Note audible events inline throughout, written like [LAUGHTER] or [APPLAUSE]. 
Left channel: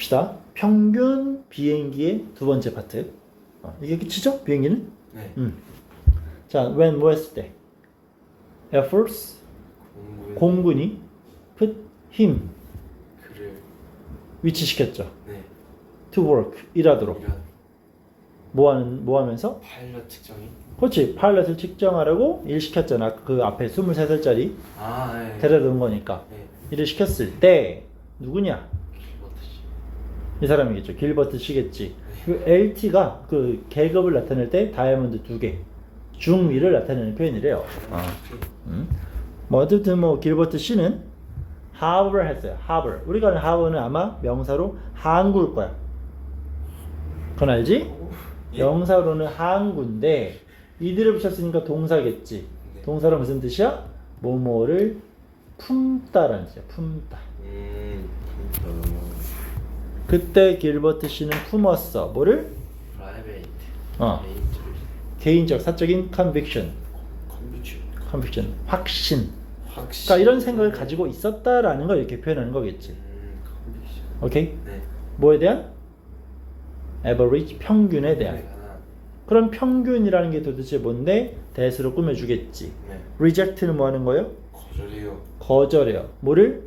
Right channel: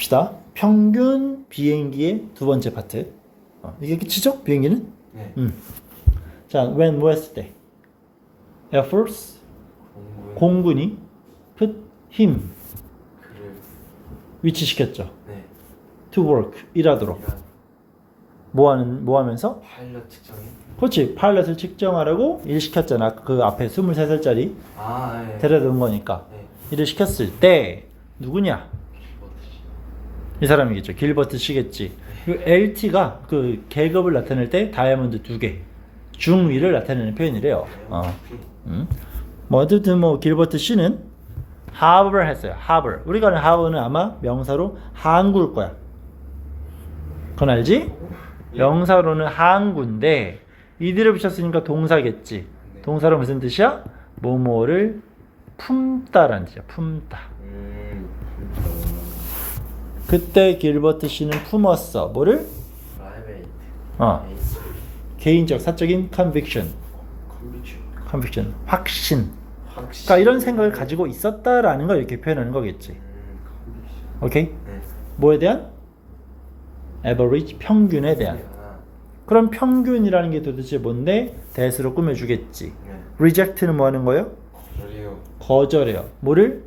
갑시다. 평균 비행기의 두 번째 파트. 어, 이게 끝이죠? 비행기는? 네. 음. 자, when 뭐였을 때? Air Force 공군. 공군이 put him 그를. 위치시켰죠. 네. to work 일하도록. 이란 뭐 하는 뭐 하면서? 파일럿 측정이. 그렇지. 파일럿을 측정하려고 일 시켰잖아. 그 앞에 23살짜리 아, 네. 데려다 놓은 거니까. 네. 일을 시켰을 때 누구냐? 이 사람이겠죠. 길버트 씨겠지. 그 LT가 그 계급을 나타낼 때 다이아몬드 두 개, 중위를 나타내는 표현이래요. 어. 음. 뭐 어쨌든 뭐 길버트 씨는 하버를 했어요. 하버. 우리가 아는 하버는 아마 명사로 항구일 거야. 그건 알지? 명사로는 항구인데 이들을 붙였으니까 동사겠지. 네. 동사로 무슨 뜻이야? 뭐뭐를 품다라는 뜻이야. 품다. 음. 그때 길버트 씨는 품었어. 뭐를? 어. 개인적 사적인 conviction, 확신. 그러니까 이런 생각을 가지고 있었다라는 걸 이렇게 표현하는 거겠지. 음. 오케이? 네. 뭐에 대한? average 평균에 대한. 네. 그럼 평균이라는 게 도대체 뭔데? 대수로 꾸며주겠지. 네. reject는 뭐 하는 거예요? 거절이요. 거절해요. 뭐를?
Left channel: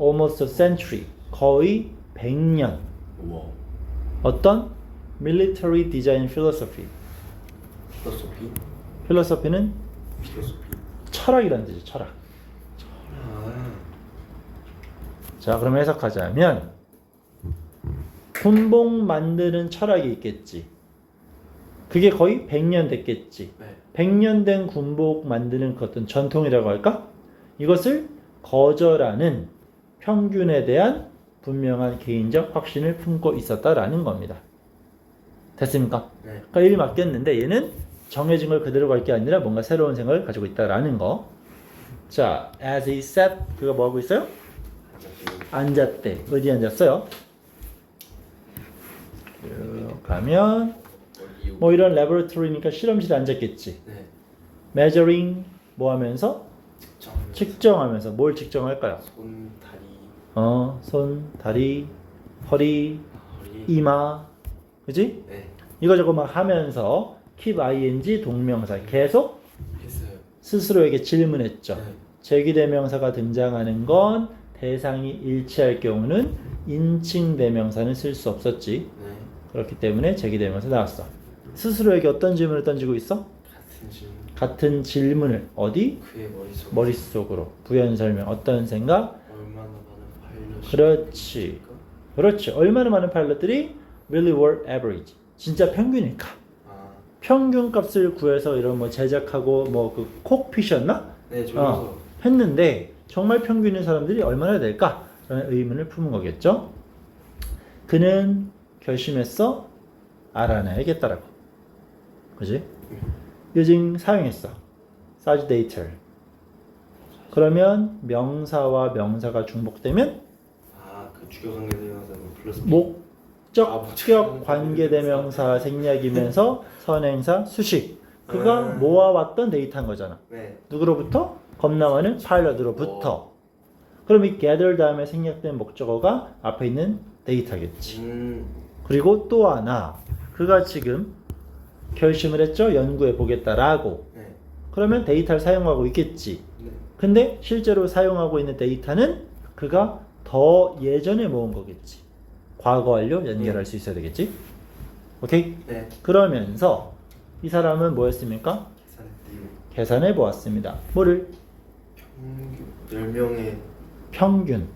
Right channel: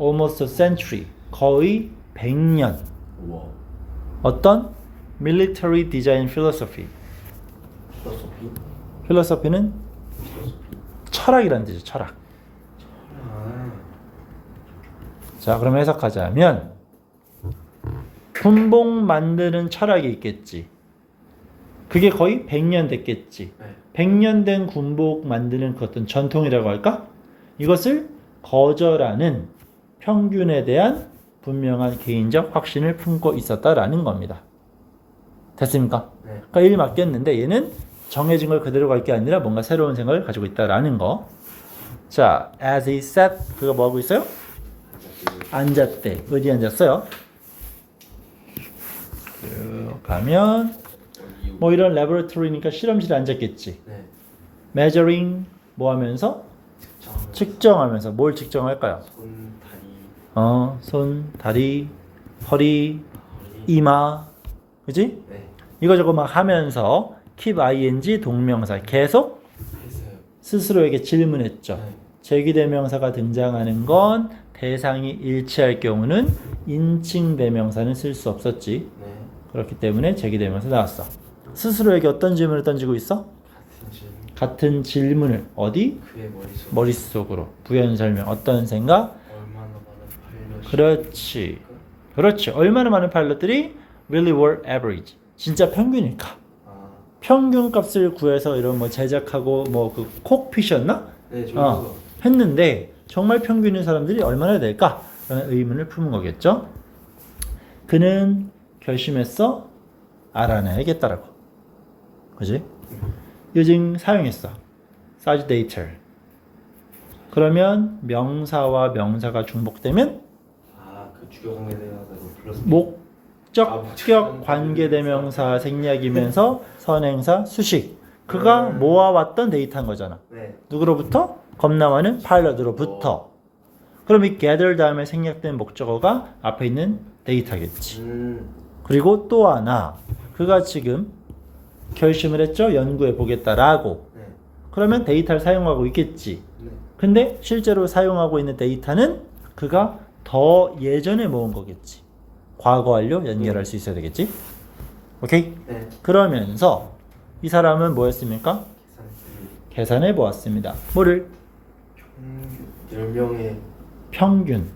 almost a century. 거의 100년. 우와. 어떤? military design philosophy. 필로소피. philosophy는 필로소피. 철학이라는 뜻이죠. 철학. 아. 자, 그럼 해석하자면 군복 만드는 철학이 있겠지. 그게 거의 100년 됐겠지. 네. 100년 된 군복 만드는 그 어떤 전통이라고 할까? 이것을 거절하는 평균에 대한 분명한 개인적 확신을 품고 있었다라는 겁니다. 됐습니까? 네. 그러니까 일이 맡겼는데 얘는 정해진 걸 그대로 갈 게 아니라 뭔가 새로운 생각을 가지고 있다라는 거. 자, as he sat, 그가 뭐 하고 있어요? 앉았대. 어디 앉았어요? 쭉 가면. 뭐 이런 레버토리니까 실험실에 앉았겠지. 네. measuring 뭐 하면서 측정. 측정하면서 뭘 측정할까요? 손, 어, 손, 다리, 허리. 이마, 그지? 네. 이거저거 막 하면서 keep ing 동명사 계속 했어요. 스스로에게 질문했죠. 네. 제기대명사가 등장하는 건 대상이 일치할 경우는 인칭 대명사는 쓸 수 없었지. 네. 그렇기 때문에 제기대명사 나왔어. 스스로에게 어떤 질문을 던지고 있어? 같은 질문. 같은 질문을 어디? 그의 머릿속. 머릿속으로 부연 설명 어떤 생각? 얼마나 많은 파일럿이. 그렇지. 그렇지. 얼마나 많은 파일럿들이 really were average. 진짜 평균일까? 아. 평균 값을 구해서 이런 뭐 제작하고 뭐 그 콕핏이었나? 네. 어, 했는데 정말 평균인 사람들이 얼마나 될까? 라는 의문을 품은 거겠죠. 그는 결심했어 알아내야겠다라고. 그지? 요즘 사용했어. 사주데이터. 그러면 명사와 명사가 중복되면 주격 관계대명사는 플러스. 아, 목적격 관계대명사 생략이면서 [LAUGHS] 선행사 수식. 그가 음. 모아왔던 데이터인 거잖아. 네. 누구로부터? 많은 파일럿으로부터. 그럼 이 gather 다음에 생략된 목적어가 앞에 있는 데이터겠지. 음. 그리고 또 하나, 그가 지금 결심을 했죠. 연구해 보겠다라고. 네. 그러면 데이터를 사용하고 있겠지. 네. 근데 실제로 사용하고 있는 데이터는 그가 더 예전에 모은 거겠지. 과거 완료 연결할 수 있어야 되겠지. 오케이? 네. 그러면서 이 사람은 뭐였습니까? 계산. 계산해 보았습니다. 뭐를? 음, 10명의. 평균.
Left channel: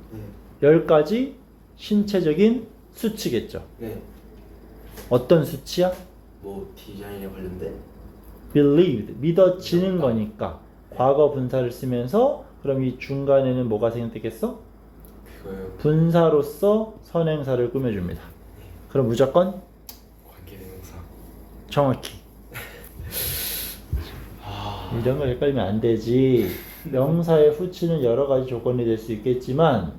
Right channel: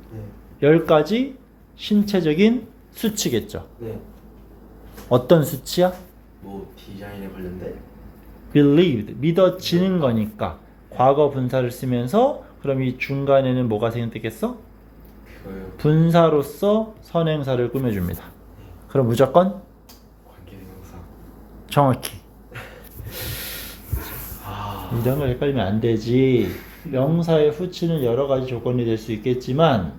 네. 10가지 신체적인 수치겠죠. 네. 어떤 수치야? 뭐, 디자인에 관련된? believed. 믿어지는 거니까. 과거 분사를 쓰면서 그럼 이 중간에는 뭐가 생겼겠어? 분사로서 선행사를 꾸며줍니다. 그럼 무조건 관계대명사. 정확히. 아. 이런 거 헷갈리면 안 되지. 명사의 후치는 여러 가지 조건이 될 수 있겠지만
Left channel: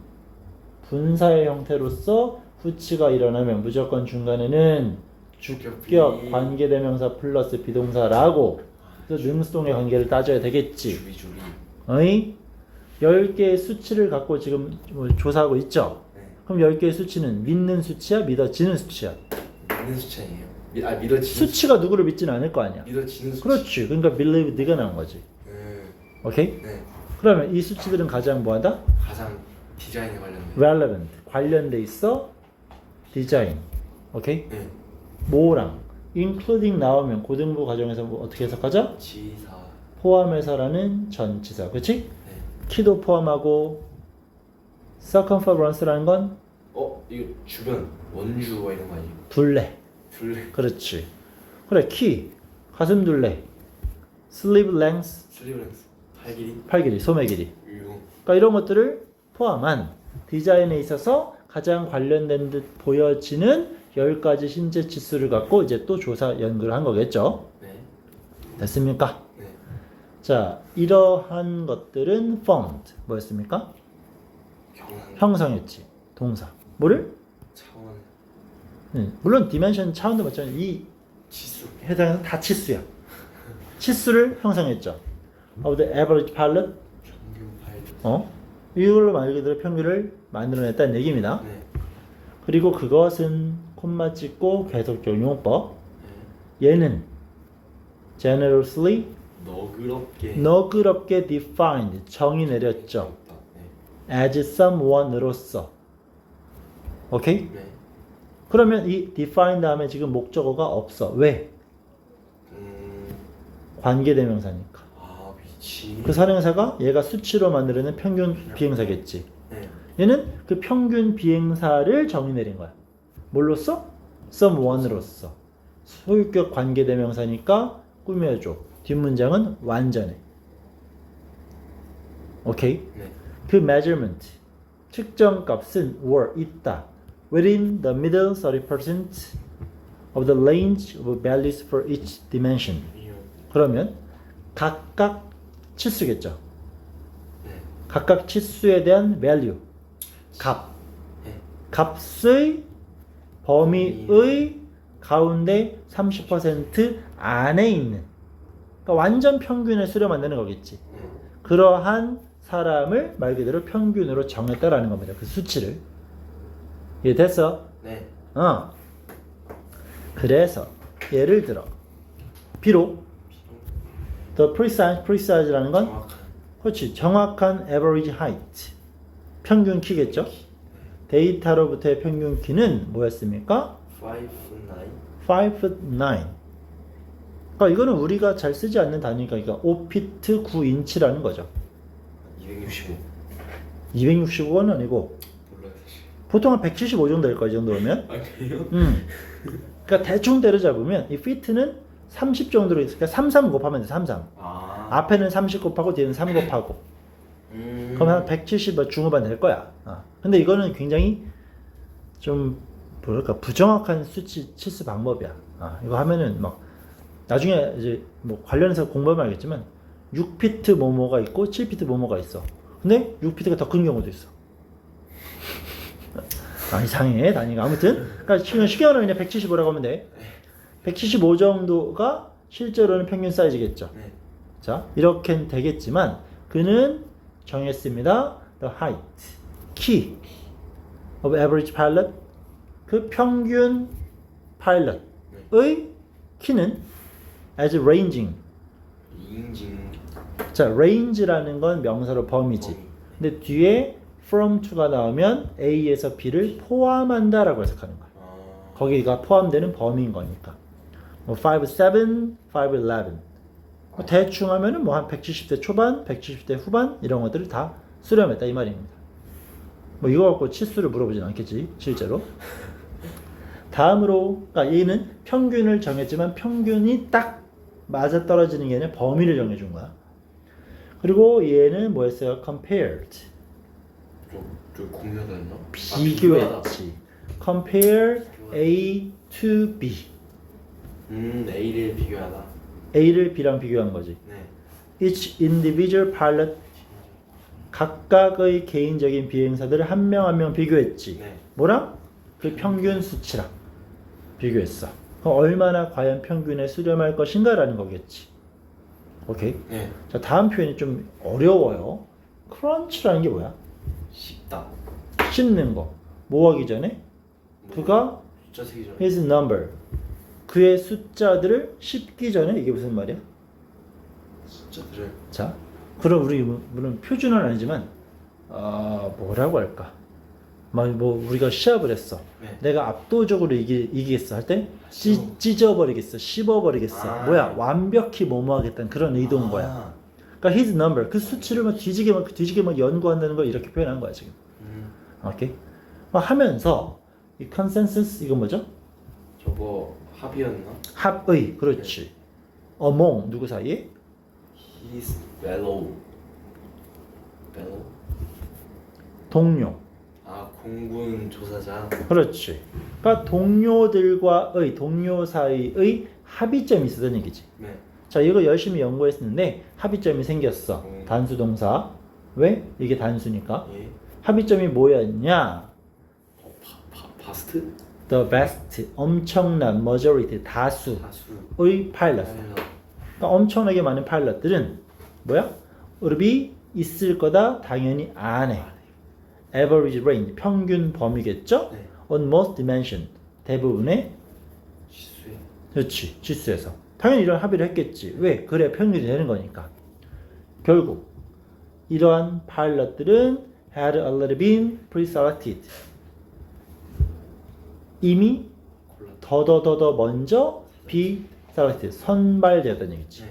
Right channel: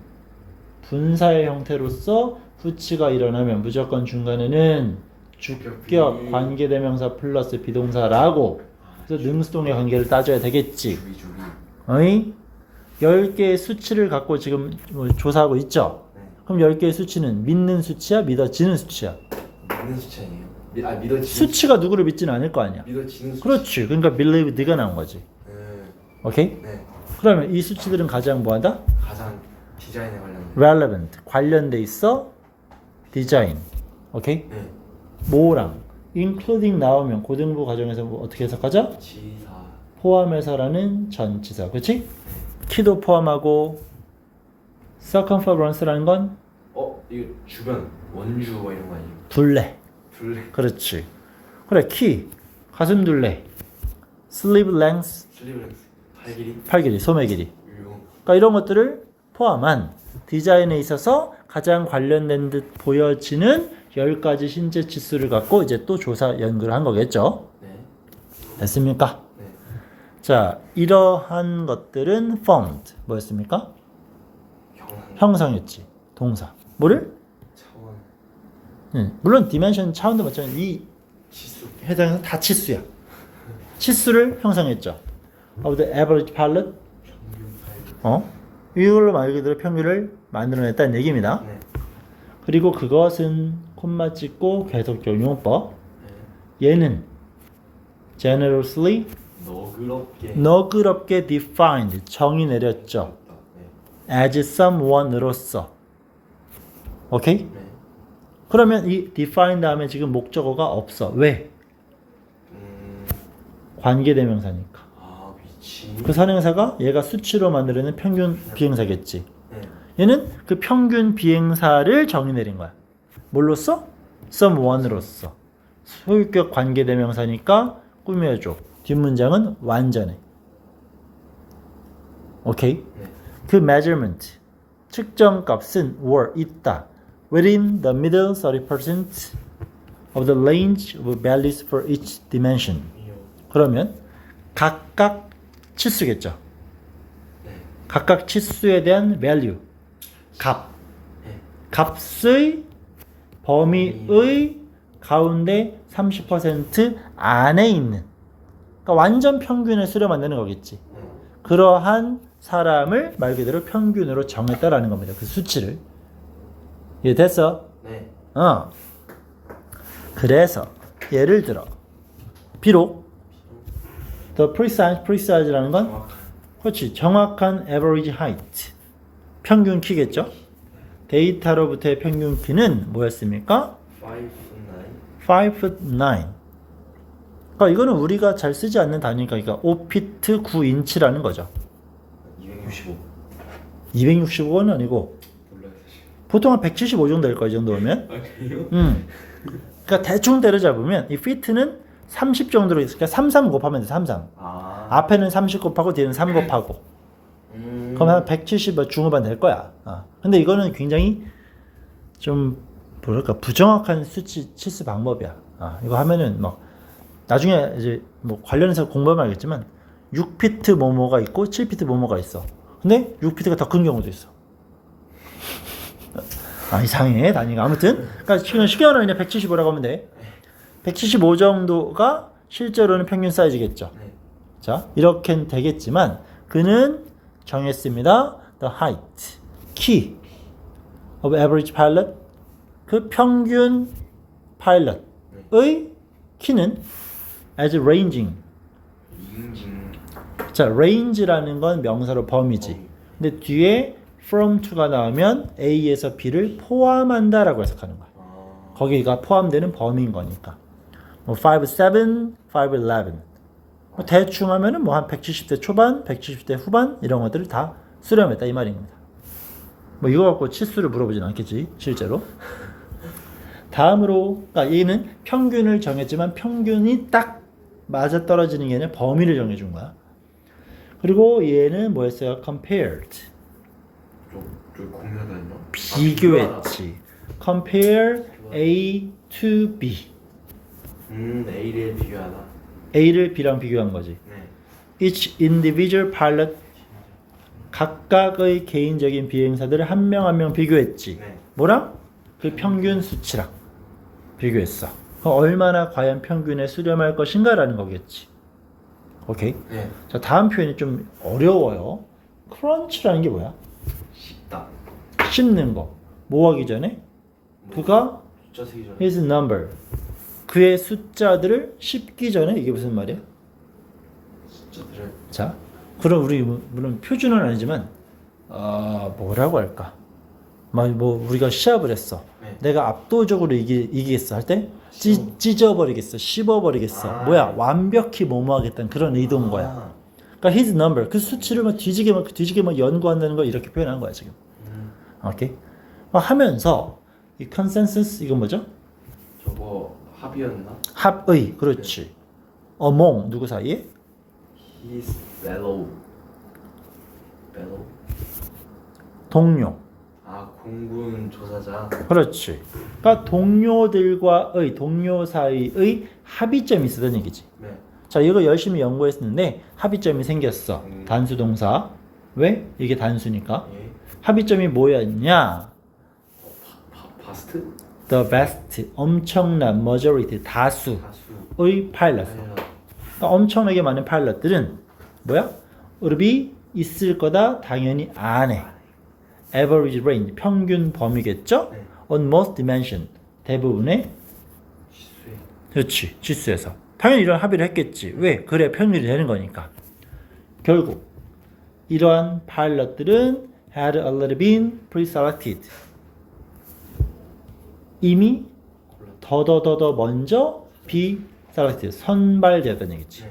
분사의 형태로서 후치가 일어나면 무조건 중간에는 주격 관계대명사 플러스 비동사라고 그래서 능수동의 관계를 따져야 되겠지. 주의 주의. 어이? 10개의 수치를 갖고 지금 뭐 조사하고 있죠. 네. 그럼 10개의 수치는 믿는 수치야, 믿어지는 수치야? 믿는 수치 아니에요? 미, 아 믿어지는 수치가 누구를 믿지는 않을 거 아니야. 믿어지는 수치. 그렇지. 그러니까 believe 네가 나온 거지. 음, 오케이? 네. 그러면 이 수치들은 가장 뭐하다? 가장 디자인에 관련된. relevant 관련돼 있어 디자인 오케이 네. 뭐랑 including 나오면 고등부 과정에서 뭐 어떻게 해석하죠? 지사. 포함해서라는 전치사 그렇지? 네. 키도 포함하고 circumference라는 건 어 이거 주변 원주 뭐 이런 거 아니에요? 둘레 둘레. 그렇지 그래 키 가슴 둘레 sleeve length 슬리브렌스. 팔 길이. 팔 길이 소매 길이 유용. 그러니까 이런 것들을 포함한 디자인에 있어서 가장 관련된 듯 보여지는 10가지 신체 지수를 갖고 이제 또 조사 연구를 한 거겠죠. 네. 됐습니까? 네. 자, 이러한 것들은 formed 뭐였습니까? 형성했지. 동사. 뭐를? 차원. 음, 물론 디멘션 차원도 맞지만 이 지수. 해당해서 다 치수야. 치수를 형성했죠. Of the average pilot. 어? 이걸로 말 그대로 평균을 만들어냈다는 얘기입니다. 네. 그리고 그것은 콤마 찍고 계속 적 용어법. 네. 얘는 generously 너그럽게. 너그럽게 defined 정의 내렸죠. 네. as someone으로서. 오케이? 네. 그러면 이 define 다음에 지금 목적어가 없어. 왜? 음. 관계대명사니까. 아. 그 선행사가 얘가 수치로 만들어낸 평균 비행사겠지. 네. 얘는 그 평균 비행사를 정의 내린 거야. 뭘로써? someone으로서. 소유격 관계대명사니까 꾸며줘. 뒷문장은 완전해. 오케이? 네. 그 measurement 측정 값은 were 있다. within the middle 30% of the range of values for each dimension. 그러면 각각 치수겠죠. 네. 각각 치수에 대한 value 값 네. 값의 범위의 가운데 30% 안에 있는 그러니까 완전 평균을 수렴 만드는 거겠지. 네. 그러한 사람을 말 그대로 평균으로 정했다라는 겁니다. 그 수치를. 이해 됐어? 네. 어. 그래서 예를 들어 비록 the precise precise라는 건 정확한. 그렇지 정확한 average height 평균 키겠죠? 데이터로부터의 평균 키는 뭐였습니까? 5 5 foot 9. 그러니까 이거는 우리가 잘 쓰지 않는 단위니까 그러니까 5피트 9인치라는 거죠. 265. 265는 아니고 몰라요. 보통 한 175 정도 될 거야 이 정도면. 아 그래요? 음. 그러니까 대충 때려잡으면 이 피트는 30 정도로 있으니까 그러니까 33 곱하면 돼. 33. 아. 앞에는 30 곱하고 뒤에는 3 곱하고. 음. 그럼 한170 중후반 될 거야. 어. 근데 이거는 굉장히 좀 뭐랄까 부정확한 수치 치수 방법이야. 어. 이거 하면은 뭐 나중에 이제 뭐 관련해서 공부하면 알겠지만 6피트 뭐뭐가 있고 7피트 뭐뭐가 있어. 근데 6피트가 더 큰 경우도 있어. 아 이상해 단위가 아무튼 그러니까 지금 시계는 그냥 175라고 하면 돼. 175 정도가 실제로는 평균 사이즈겠죠. 네. 자, 이렇게 되겠지만 그는 정했습니다. The height, 키 of average pilot 그 평균 파일럿의 키는 as ranging. 자, range라는 건 명사로 범위지. 근데 뒤에 from to가 나오면 A에서 B를 포함한다라고 해석하는 거야. 아. 거기가 포함되는 범위인 거니까. 뭐 5, 7, 5, 11. 뭐 대충 하면은 뭐 한 170대 초반, 170대 후반 이런 것들을 다 수렴했다 이 말입니다. 뭐 이거 갖고 치수를 물어보진 않겠지 실제로. [LAUGHS] 다음으로 아, 얘는 평균을 정했지만 평균이 딱 맞아 떨어지는 게 아니라 범위를 정해준 거야. 그리고 얘는 뭐였어요? compared 저저 공유하다는요? 비교했지. compare A to B. 음 A를 비교하다. A를 B랑 비교한 거지. 네. Each individual pilot 각각의 개인적인 비행사들을 한 명 한 명 비교했지. 네. 뭐랑? 그 평균 수치랑 비교했어. 그럼 얼마나 과연 평균에 수렴할 것인가라는 거겠지. 오케이. 네. 자 다음 표현이 좀 어려워요. crunch라는 게 뭐야? 쉽다. 씹는 거. 뭐 하기 전에 뭐, 그가 숫자 세기 전에. his number 그의 숫자들을 씹기 전에 이게 무슨 말이야? 숫자들을. 자, 그럼 우리 뭐- 물론 표준은 아니지만 아 뭐라고 할까? 막뭐 우리가 시합을 했어. 네. 내가 압도적으로 이기, 이기겠어 할때 씹어. 찢어버리겠어, 씹어버리겠어. 아. 뭐야? 완벽히 뭐뭐하겠다는 그런 의도인 거야. 아. 그러니까 his number 그 수치를 막 뒤지게 막 뒤지게 막 연구한다는 걸 이렇게 표현한 거야 지금. 음. 오케이? 막 하면서 이 consensus 이건 뭐죠? 저거 합이었나? 합의 그렇지. among 누구 사이에? His fellow. fellow. 동료. 아 공군 조사자. 그렇지. 그러니까 동료들과의 동료 사이의 합의점이 있었던 얘기지. 네. 자, 이거 열심히 연구했는데 합의점이 생겼어. 음. 단수 동사. 왜? 이게 단수니까. 예. 합의점이 뭐였냐? 어, 바, 바, 바스트? The vast, 엄청난 majority, 다수의 다수. 파일럿. 그러니까 엄청나게 많은 파일럿들은 뭐야? 의료비 있을 거다 당연히 안 해. Average range, 평균 범위겠죠? 네. on most dimension, 대부분의 지수에. 그렇지 지수에서 당연히 이런 합의를 했겠지 왜 그래 평균이 되는 거니까 결국 이러한 파일럿들은 had already been pre-selected 이미. 더더더더 먼저 be-selected 선발되었던 얘기지 네.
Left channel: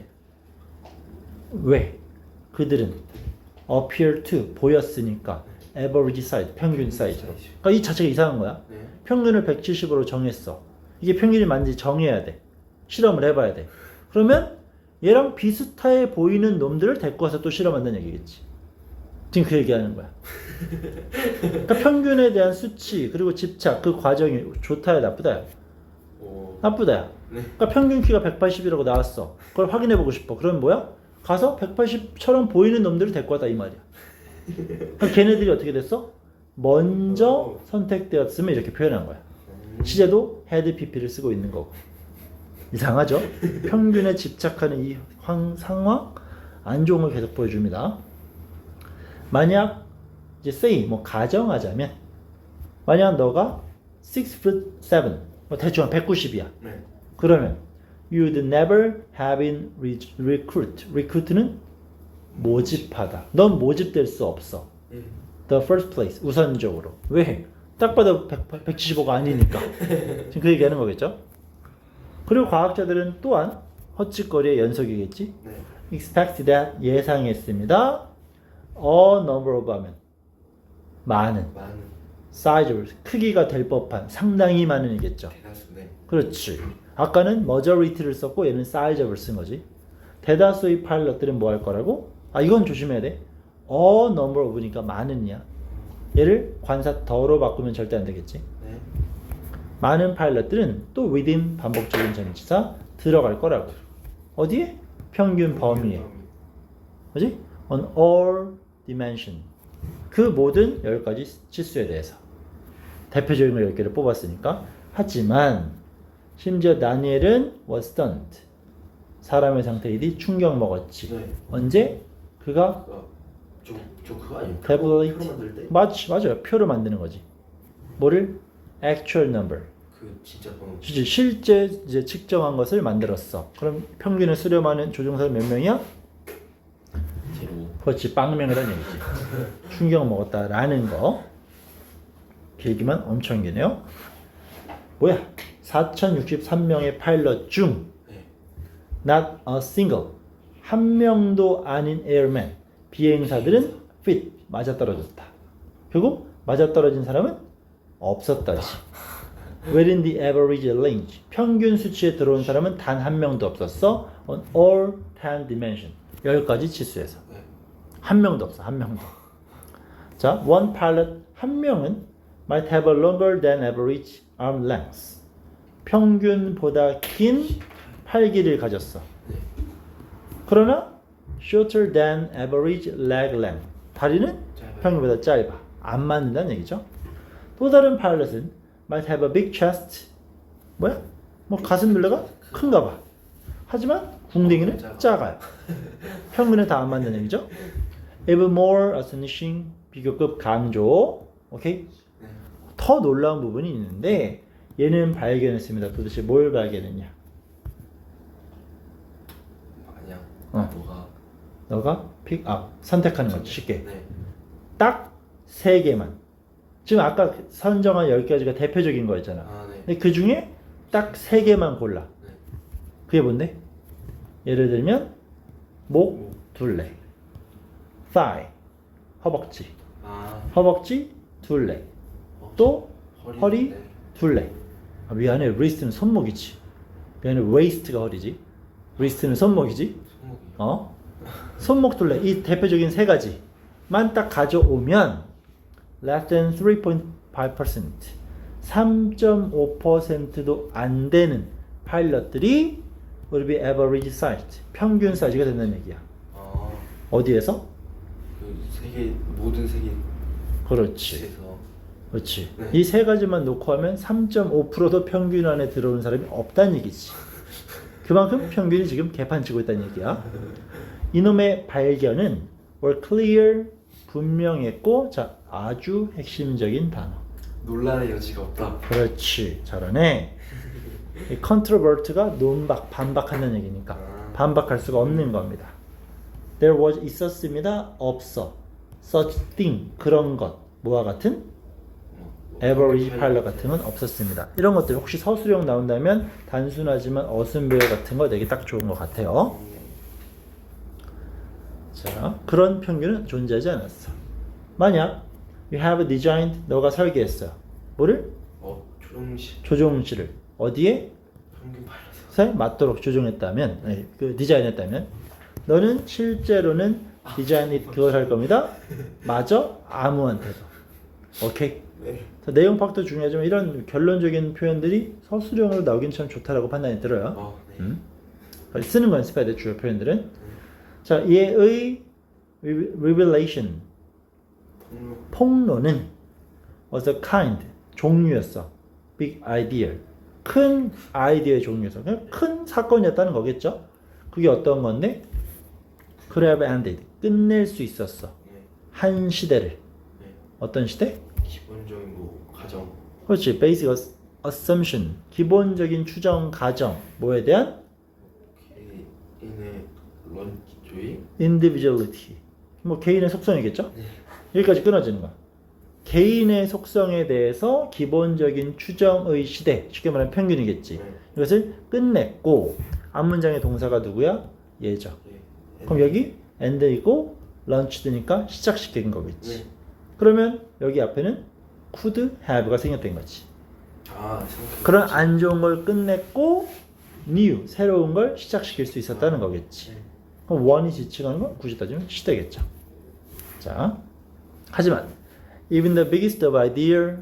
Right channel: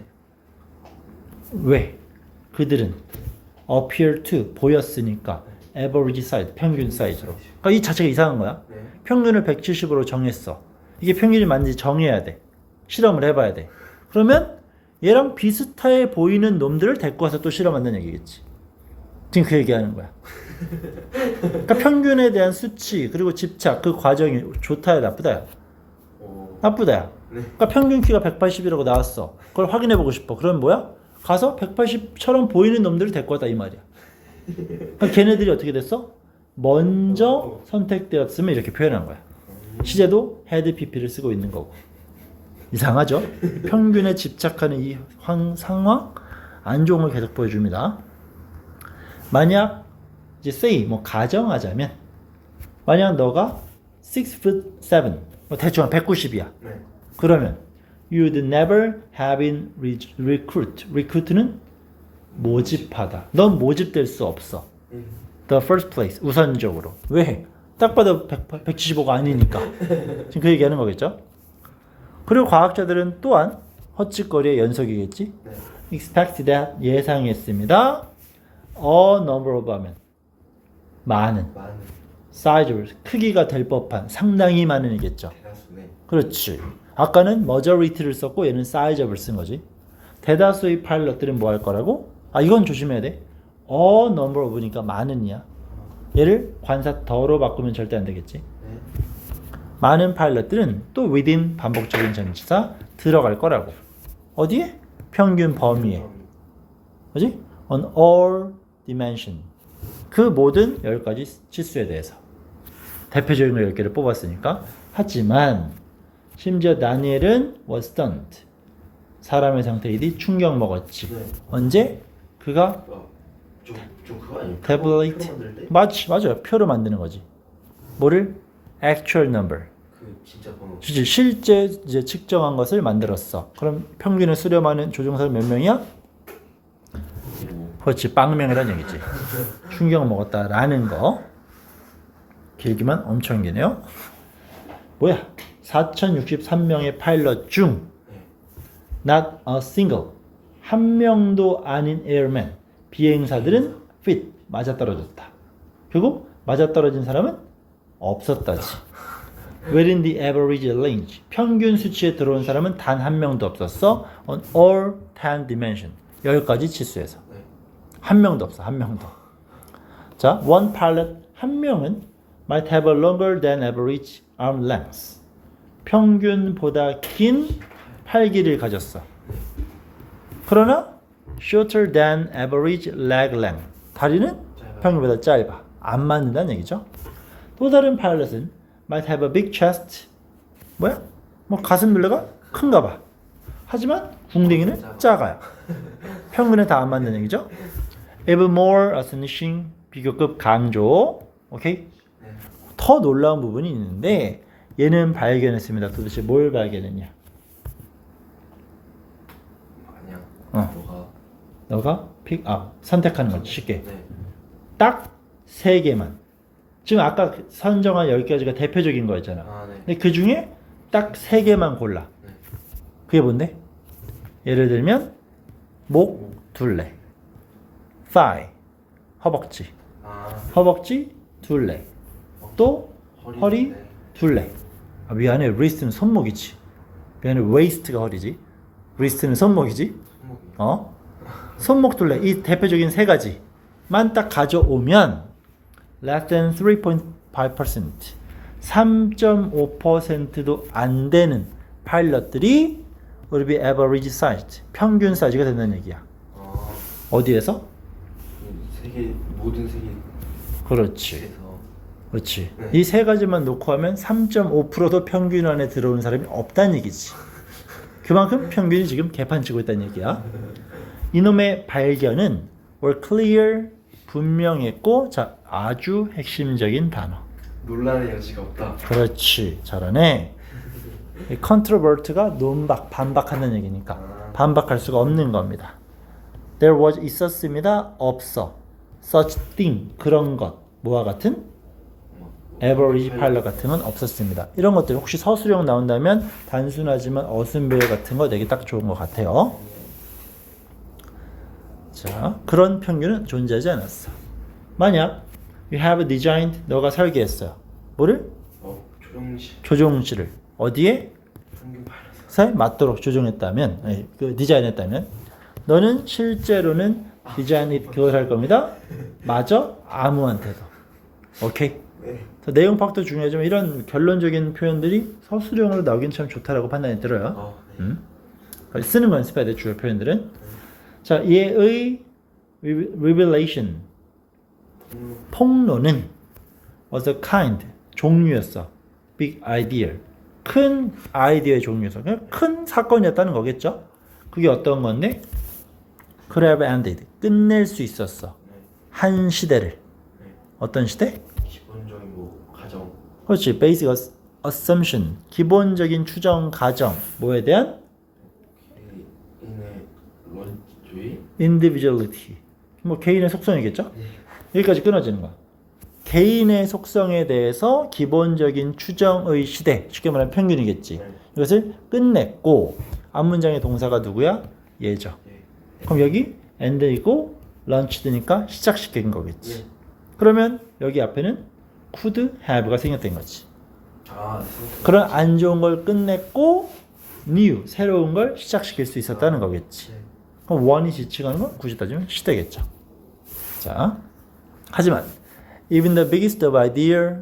왜 그들은 appear to 보였으니까 average size 평균 사이즈로 그러니까 이 자체가 이상한 거야 네. 평균을 170으로 정했어. 이게 평균이 맞는지 정해야 돼. 실험을 해봐야 돼. 그러면 얘랑 비슷해 보이는 놈들을 데리고 와서 또 실험한다는 얘기겠지. 지금 그 얘기하는 거야. 그러니까 평균에 대한 수치 그리고 집착 그 과정이 좋다야 나쁘다야 오. 나쁘다야. 네. 그러니까 평균 키가 180이라고 나왔어. 그걸 확인해 보고 싶어. 그럼 뭐야? 가서 180처럼 보이는 놈들을 데리고 왔다 이 말이야. 그럼 걔네들이 어떻게 됐어? 먼저 선택되었으면 이렇게 표현한 거야. 시제도 헤드 PP를 쓰고 있는 거고. 이상하죠? 평균에 집착하는 이 황, 상황 안 좋은 걸 계속 보여줍니다. 만약 이제 say 뭐 가정하자면 만약 너가 6 foot 7, 뭐 대충 한 190이야. 네. 그러면 you'd never have been re- recruit. recruit는 모집하다. 넌 모집될 수 없어. 음. The first place 우선적으로 왜? 딱 봐도 100, 175가 아니니까 [LAUGHS] 지금 그 얘기하는 거겠죠? 그리고 과학자들은 또한 헛짓거리의 연속이겠지. 네. expect that 예상했습니다. a number of 하면 많은 많은 size 크기가 될 법한 상당히 많은이겠죠. 대다수네. 그렇지. 아까는 majority를 썼고 얘는 size업을 쓴 거지. 대다수의 파일럿들은 뭐 할 거라고? 아 이건 조심해야 돼. a number of니까 많은이야. 얘를 관사 더로 바꾸면 절대 안 되겠지. 네. 많은 파일럿들은 또 within 반복적인 전치사 들어갈 거라고. 어디에? 평균 범위에. 그지? On all dimension. 그 모든 10가지 치수에 대해서. 대표적인 걸 10개를 뽑았으니까. 하지만 심지어 다니엘은 was stunned. 사람의 대해 충격 먹었지. 네. 언제? 그가 어, 그거 아니에요? 태블릿 표로 만들 때? 맞 맞아요. 표로 만드는 거지. 뭐를 actual number. 그 진짜 번호. 실제 실제 이제 측정한 것을 만들었어. 그럼 평균을 수렴하는 조종사 몇 명이야? 그렇지 빵명이라는 얘기지. 충격 먹었다라는 거. 길기만 엄청 기네요. 뭐야? 4,063명의 파일럿 중 네. not a single 한 명도 아닌 airman 비행사들은 fit 맞아떨어졌다. 결국 맞아떨어진 사람은 없었다지. Within the average range 평균 수치에 들어온 사람은 단 한 명도 없었어. On all 10 dimension 열 가지 치수에서 네. 한 명도 없어 한 명도. 자, one pilot 한 명은 might have a longer than average arm length. 평균보다 긴 팔길이를 가졌어. 그러나 shorter than average leg length. 다리는. 평균보다 짧아. 안 맞는다는 얘기죠. 또 다른 파일럿은 might have a big chest. 뭐야? 뭐 가슴 둘레가 큰가 봐. 하지만 궁뎅이는 작아. 작아요. 평균에 다 안 맞는 얘기죠. Even more astonishing 비교급 강조. 오케이? 네. 더 놀라운 부분이 있는데 얘는 발견했습니다. 도대체 뭘 발견했냐? 아니야. 어. 너가 너가 픽, 아 선택하는 거지 쉽게. 네. 딱 세 개만. 지금 아까 선정한 10가지가 대표적인 거였잖아. 아 네. 근데 그 중에 딱 세 개만 골라. 네. 그게 뭔데? 예를 들면 목 둘레, thigh 허벅지, 아 허벅지 둘레, 또 허리. 허리? 네. 둘레. 아, 미안해, wrist는 손목이지. 미안해, waist가 허리지. wrist는 손목이지. 손목이. 어? 손목 둘레 이 대표적인 세 가지만 딱 가져오면 less than 3.5% 3.5%도 안 되는 파일럿들이 will be average size 평균 사이즈가 된다는 얘기야. 아, 어디에서? 그 세계 모든 세계 그렇지. 에서 그렇지. 네. 이 세 가지만 놓고 하면 3.5%도 평균 안에 들어오는 사람이 없다는 얘기지. 그만큼 평균이 지금 개판 치고 있다는 얘기야. 이놈의 발견은 were clear 분명했고 자 아주 핵심적인 단어. 논란의 여지가 없다. 그렇지 잘하네. 이 controvert가 논박 반박하는 얘기니까 반박할 수가 없는 겁니다. There was 있었습니다. 없어. Such thing 그런 것 뭐와 같은 뭐, average 파일럿 같은 건 없었습니다. 이런 것들 혹시 서술형 나온다면 단순하지만 어순배열 같은 거 되게 딱 좋은 것 같아요. 자, 그런 평균은 존재하지 않았어. 만약 you have designed 너가 설계했어. 뭐를? 어 조정시 조종실을 어디에? 평균 발에서 에 맞도록 조종했다면, 네, 그 디자인했다면, 너는 실제로는 디자인 그걸 할 겁니다. 맞아? 아무한테도. 오케이. 네. 내용 파악도 중요하지만 이런 결론적인 표현들이 서술형으로 나오긴 참 좋다라고 판단이 들어요. 어, 네. 음? 쓰는 거 연습해야 돼 주요 표현들은. 자, 얘의 revelation 폭로는 was a kind 종류였어. big idea 큰 아이디어의 종류였어. 그냥 큰 사건이었다는 거겠죠. 그게 어떤 건데? could have ended 끝낼 수 있었어. 네. 한 시대를 네. 어떤 시대? 기본적인 뭐 가정 그렇지. basic ass- assumption 기본적인 추정 가정 뭐에 대한 개인의 런주의 individuality 뭐 개인의 속성이겠죠? 여기까지 끊어지는 거야. 개인의 속성에 대해서 기본적인 추정의 시대, 쉽게 말하면 평균이겠지. 네. 이것을 끝냈고 앞문장의 동사가 누구야? 얘죠. 예. 그럼 여기 end이고 launchd니까 시작시킨 거겠지. 예. 그러면 여기 앞에는 could have가 생겼던 거지. 아 생각 그런 안 좋은 걸 끝냈고 new 새로운 걸 시작시킬 수 있었다는 거겠지. 원이 지칭하는 건 굳이 따지면 시대겠죠. 자, 하지만 even the biggest of idea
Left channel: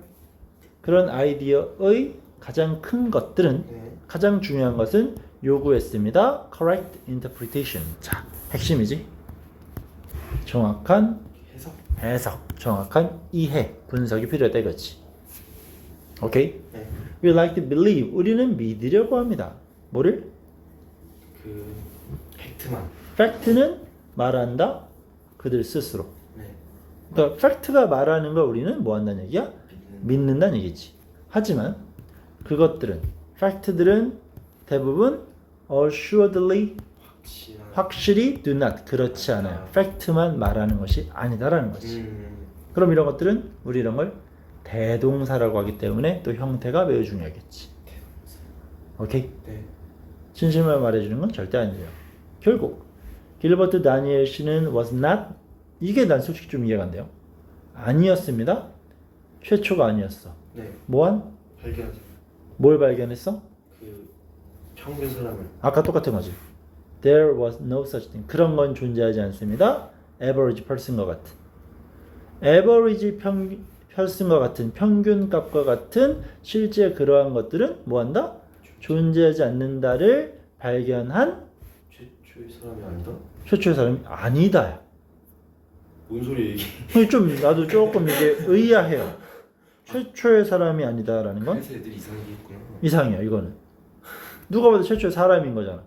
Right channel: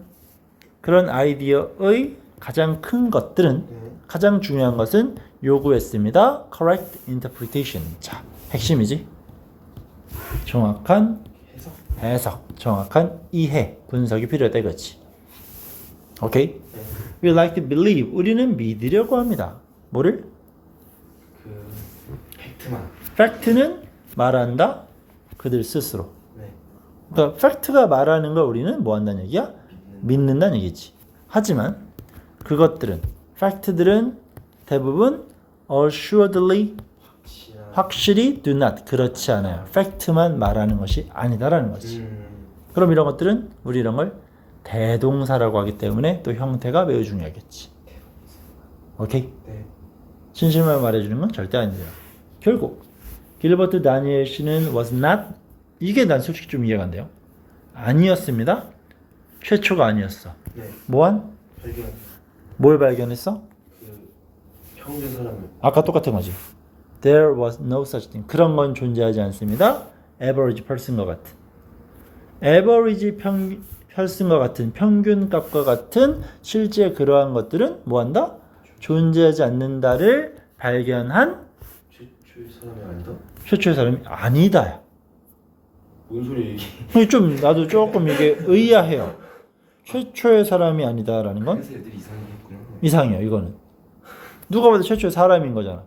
그런 아이디어의 가장 큰 것들은 네. 가장 중요한 것은 요구했습니다. correct interpretation. 자, 핵심이지. 정확한 해석 해석, 정확한 이해, 분석이 필요하다 이거지. 오케이? 네. We like to believe. 우리는 믿으려고 합니다. 뭐를? 그 팩트만 팩트는 말한다. 그들 스스로. 네. 그러니까 팩트가 말하는 걸 우리는 뭐 한다는 얘기야? 믿는 믿는다는 얘기지. 하지만 그것들은 팩트들은 대부분 assuredly 확실히 do not 그렇지 않아요. 팩트만 말하는 것이 아니다라는 거지. 음. 그럼 이런 것들은 우리 이런 걸 대동사라고 하기 때문에 또 형태가 매우 중요하겠지. 오케이? 네. 진실만 말해주는 건 절대 아니에요. 결국 길버트 다니엘 씨는 was not 이게 난 솔직히 좀 이해가 안 돼요. 아니었습니다. 최초가 아니었어. 네. 뭐한? 발견 뭘 발견했어? 그 평균 사람을 아까 똑같은 거지. There was no such thing. 그런 건 존재하지 않습니다. Average person과 같은. Average 평, person과 같은 평균값과 같은 실제 그러한 것들은 뭐한다? 존재하지 않는다를 발견한 최초의 사람이 아니다? 최초의 사람이 아니다. 뭔 소리 얘기? 좀 나도 조금 이게 의아해요. 최초의 사람이 아니다라는 건 그래서 애들이 이상하게 했구나. 이상해요. 이거는 누가 봐도 최초의 사람인 거잖아.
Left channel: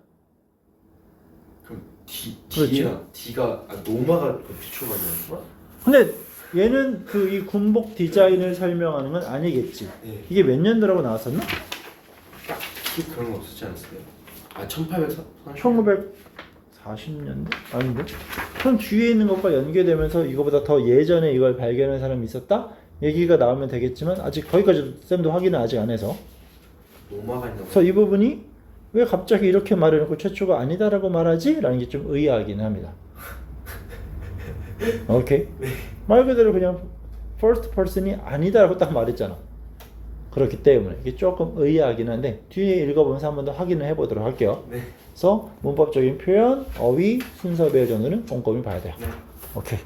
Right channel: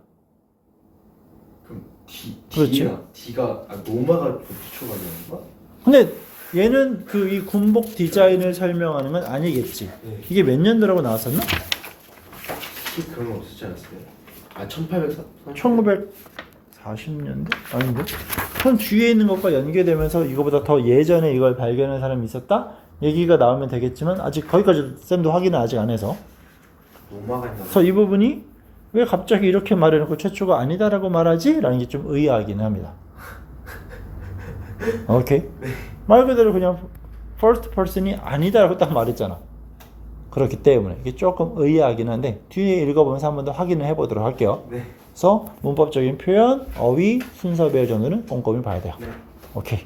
그럼 D 그렇지. D가 D가 아 노마가 최초가 아니었나? 근데 얘는 그 이 군복 디자인을 설명하는 건 아니겠지. 네. 이게 몇 년도라고 나왔었나? 혹시 그런 거 없었지 않았어요? 아 1800. 1940년도? 아닌데? 손 뒤에 있는 것과 연계되면서 이거보다 더 예전에 이걸 발견한 사람이 있었다? 얘기가 나오면 되겠지만 아직 거기까지 쌤도 확인을 아직 안 해서? 그래서 이 부분이 왜 갑자기 이렇게 말해놓고 최초가 아니다라고 말하지? 라는 게 좀 의아하긴 합니다. [LAUGHS] 오케이? 말 그대로 그냥 first person이 아니다라고 딱 말했잖아. 그렇기 때문에 이게 조금 의아하긴 한데 뒤에 읽어보면서 한 번 더 확인을 해보도록 할게요. 네. 그래서 문법적인 표현, 어휘, 순서 배열 정도는 꼼꼼히 봐야 돼요. 네. 오케이.